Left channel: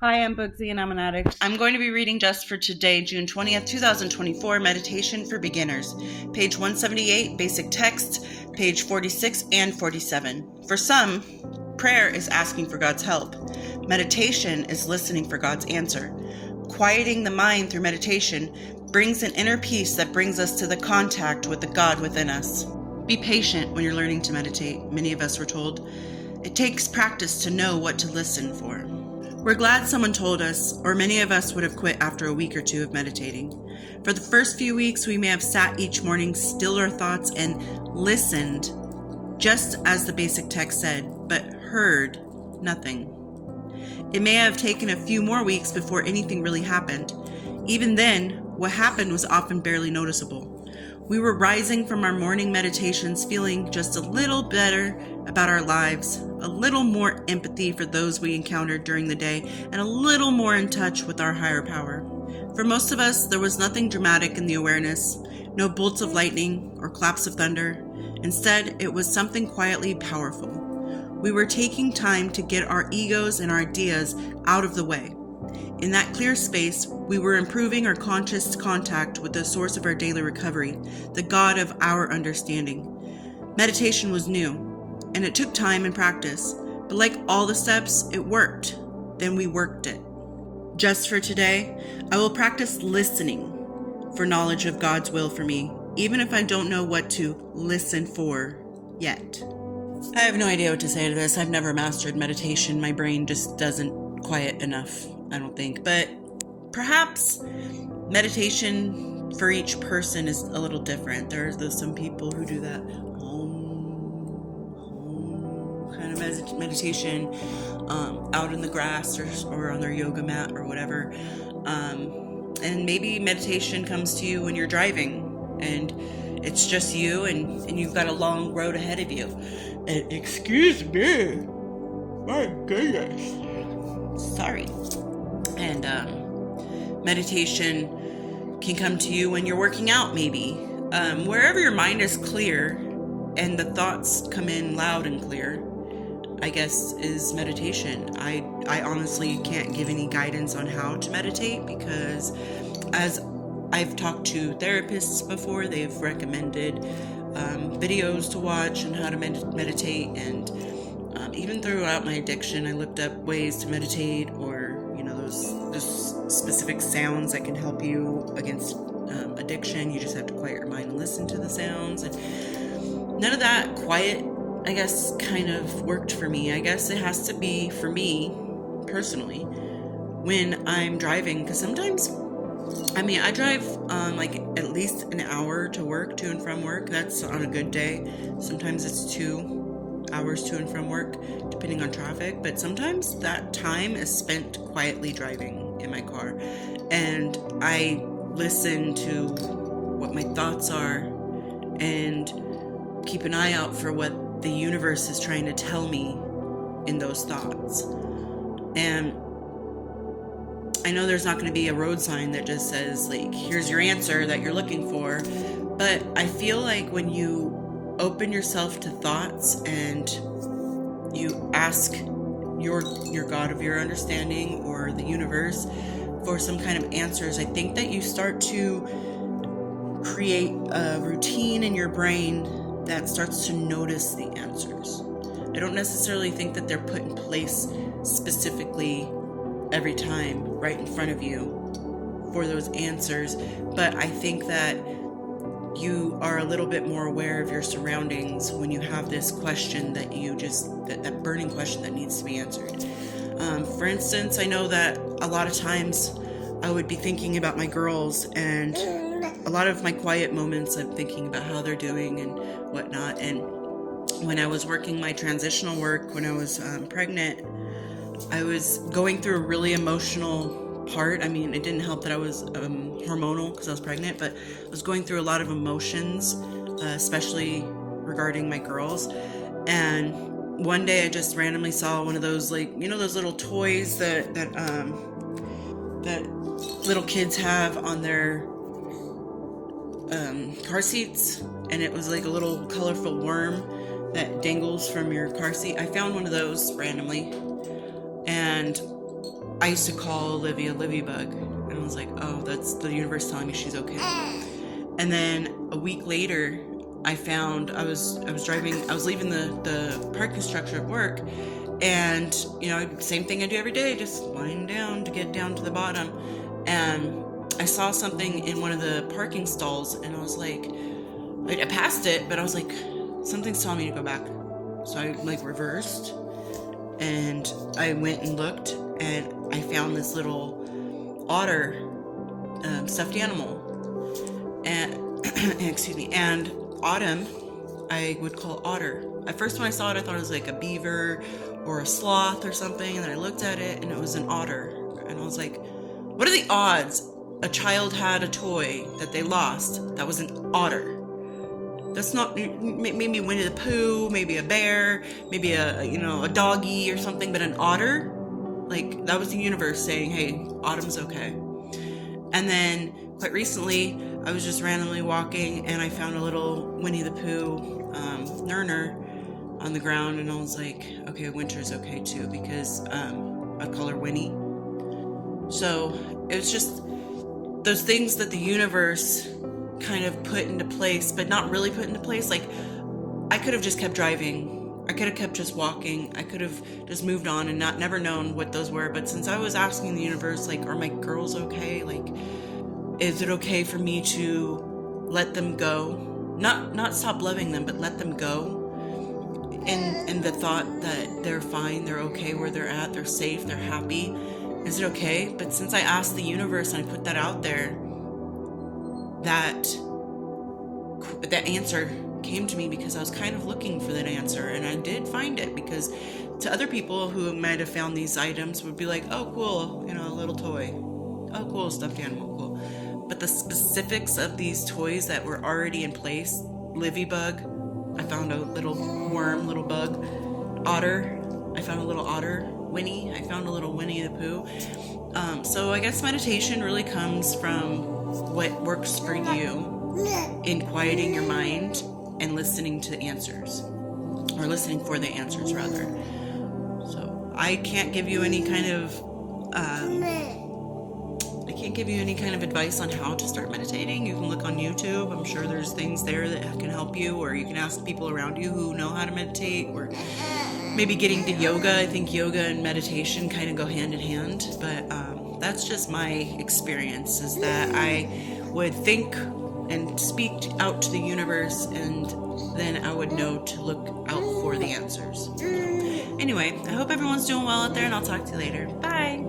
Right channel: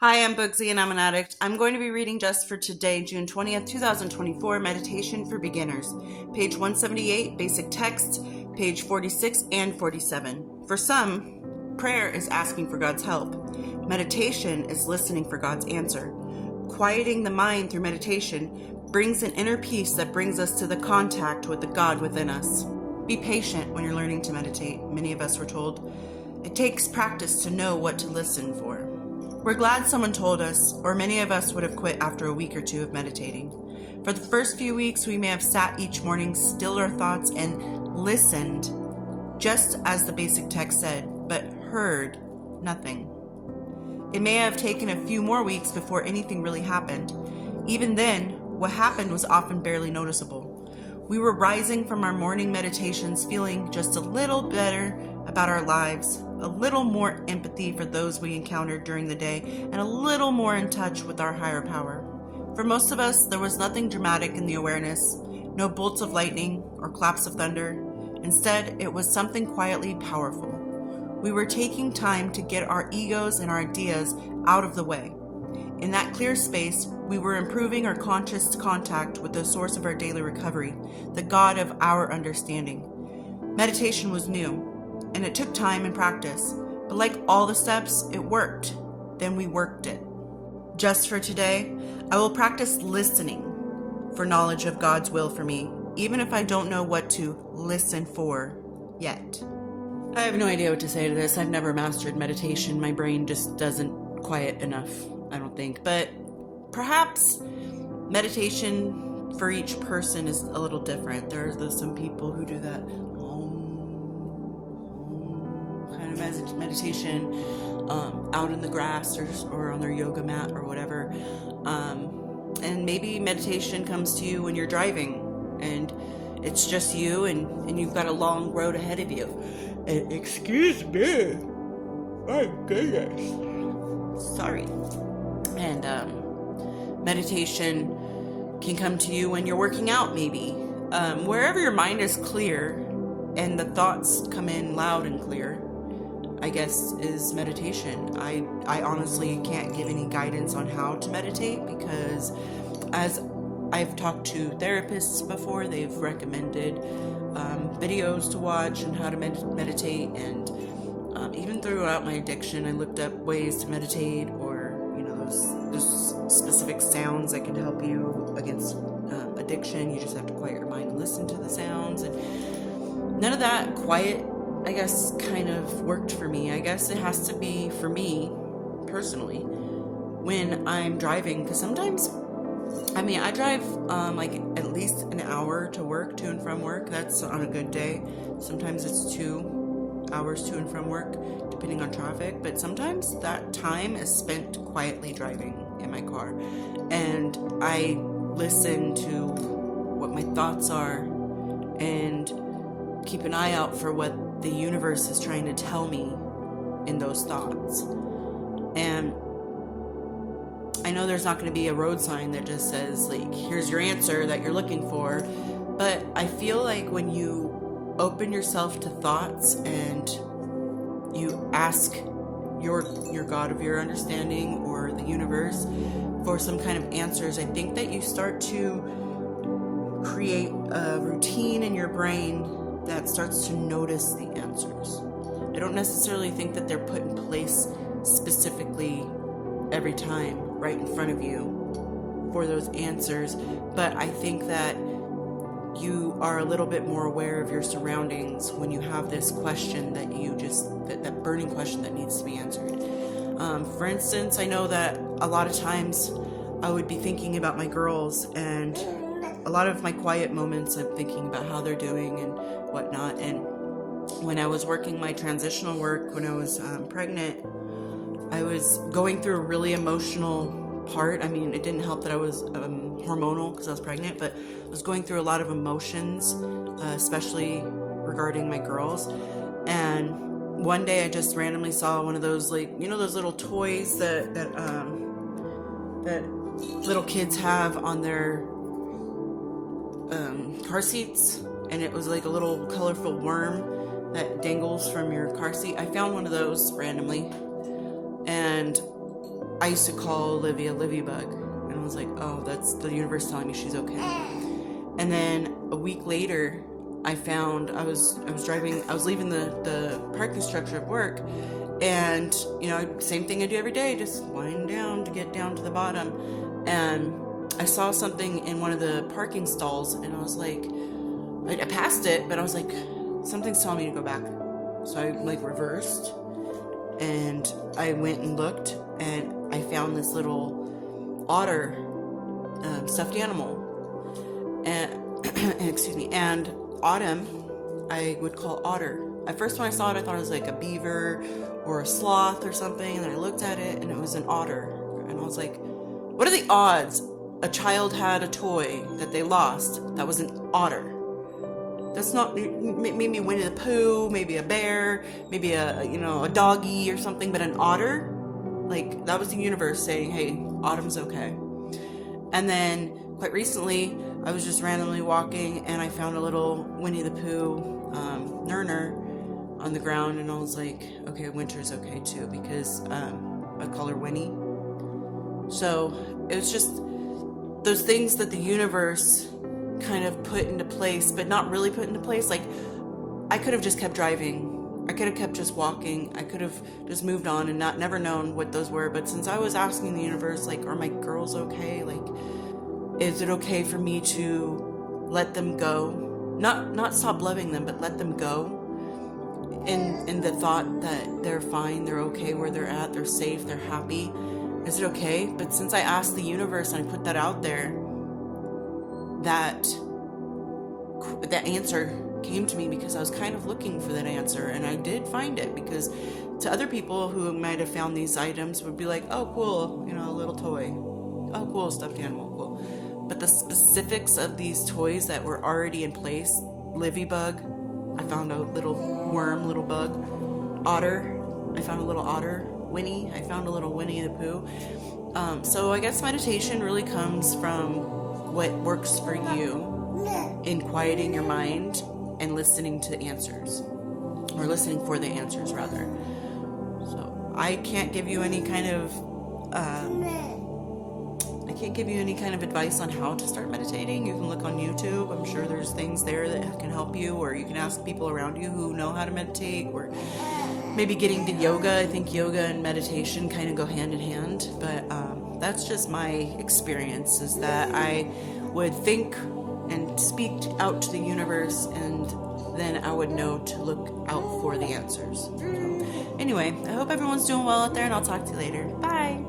Hi, I'm Bugsy and I'm an addict. I'm going to be reading just for today, June 20th, 2024, Meditation for Beginners. Page 178, Basic Text, page 46 and 47. For some, prayer is asking for God's help. Meditation is listening for God's answer. Quieting the mind through meditation brings an inner peace that brings us to the contact with the God within us. Be patient when you're learning to meditate, many of us were told. It takes practice to know what to listen for. We're glad someone told us, or many of us would have quit after a week or two of meditating. For the first few weeks, we may have sat each morning, stilled our thoughts, and listened, just as the basic text said, but heard nothing. It may have taken a few more weeks before anything really happened. Even then, what happened was often barely noticeable. We were rising from our morning meditations feeling just a little better about our lives, a little more empathy for those we encountered during the day, and a little more in touch with our higher power. For most of us, there was nothing dramatic in the awareness, no bolts of lightning or claps of thunder. Instead, it was something quietly powerful. We were taking time to get our egos and our ideas out of the way. In that clear space, we were improving our conscious contact with the source of our daily recovery, the God of our understanding. Meditation was new, and it took time and practice, but like all the steps, it worked. Then we worked it. Just for today, I will practice listening for knowledge of God's will for me, even if I don't know what to listen for yet. I have no idea what to say to this. I've never mastered meditation. My brain just doesn't quiet enough, I don't think. But perhaps meditation for each person is a little different. There's some people who do that kind of meditation out in the grass or on their yoga mat or whatever. And maybe meditation comes to you when you're driving and it's just you and you've got a long road ahead of you. And excuse me, my goodness, sorry. And meditation can come to you when you're working out, maybe. Wherever your mind is clear and the thoughts come in loud and clear, I guess, is meditation. I honestly can't give any guidance on how to meditate because as I've talked to therapists before, they've recommended videos to watch and how to meditate, and even throughout my addiction, I looked up ways to meditate, or those specific sounds that can help you against addiction. You just have to quiet your mind and listen to the sounds, and none of that quiet, I guess, kind of worked for me. I guess it has to be for me personally when I'm driving, because sometimes I drive like at least an hour to work, to and from work. That's on a good day. Sometimes it's 2 hours to and from work, depending on traffic. But sometimes that time is spent quietly driving in my car. And I listen to what my thoughts are and keep an eye out for what the universe is trying to tell me in those thoughts. And I know there's not going to be a road sign that just says, like, here's your answer that you're looking for, but I feel like when you open yourself to thoughts and you ask your God of your understanding or the universe for some kind of answers, I think that you start to create a routine in your brain that starts to notice the answers. I don't necessarily think that they're put in place specifically every time right in front of you for those answers, but I think that you are a little bit more aware of your surroundings when you have this question that that burning question that needs to be answered. For instance, I know that a lot of times I would be thinking about my girls, and a lot of my quiet moments I'm thinking about how they're doing and whatnot. And when I was working my transitional work when I was pregnant, I was going through a really emotional part. I mean, it didn't help that I was hormonal because I was pregnant, but I was going through a lot of emotions, especially regarding my girls. And one day I just randomly saw one of those, like, those little toys that little kids have on their car seats, and it was like a little colorful worm that dangles from your car seat. I found one of those randomly, and I used to call Olivia Bug, and I was like, oh, that's the universe telling me she's okay. And then a week later, I was leaving the parking structure at work, and same thing I do every day, just lying down to get down to the bottom, and I saw something in one of the parking stalls, and I was like, I passed it, but I was like, something's telling me to go back. So I reversed, and I went and looked, and I found this little otter stuffed animal, and excuse me, and Autumn I would call Otter. At first when I saw it, I thought it was like a beaver or a sloth or something, and then I looked at it and it was an otter, and I was like, what are the odds a child had a toy that they lost that was an otter? That's not, maybe Winnie the Pooh, maybe a bear, maybe a doggy or something, but an otter? Like, that was the universe saying, hey, Autumn's okay. And then, quite recently, I was just randomly walking, and I found a little Winnie the Pooh Nerner on the ground, and I was like, okay, Winter's okay too, because I call her Winnie. So, it was just those things that the universe kind of put into place, but not really put into place. Like, I could have just kept driving. I could have kept just walking. I could have just moved on and never known what those were. But since I was asking the universe, like, are my girls okay? Like, is it okay for me to let them go? Not stop loving them, but let them go. In the thought that they're fine, they're okay where they're at, they're safe, they're happy. Is it okay? But since I asked the universe and I put that out there, that answer came to me, because I was kind of looking for that answer, and I did find it. Because to other people who might have found these items would be like, oh cool, a little toy, oh cool, stuffed animal, cool. But the specifics of these toys that were already in place, Livy Bug, I found a little worm, little bug. Otter, I found a little otter. Winnie, I found a little Winnie the Pooh. So I guess meditation really comes from what works for you in quieting your mind and listening to the answers, or listening for the answers rather. So I can't give you any kind of advice on how to start meditating. You can look on YouTube. I'm sure there's things there that can help you, or you can ask people around you who know how to meditate, or maybe getting to yoga. I think yoga and meditation kind of go hand in hand, but that's just my experience, is that I would think and speak out to the universe, and then I would know to look out for the answers. So, anyway, I hope everyone's doing well out there, and I'll talk to you later. Bye!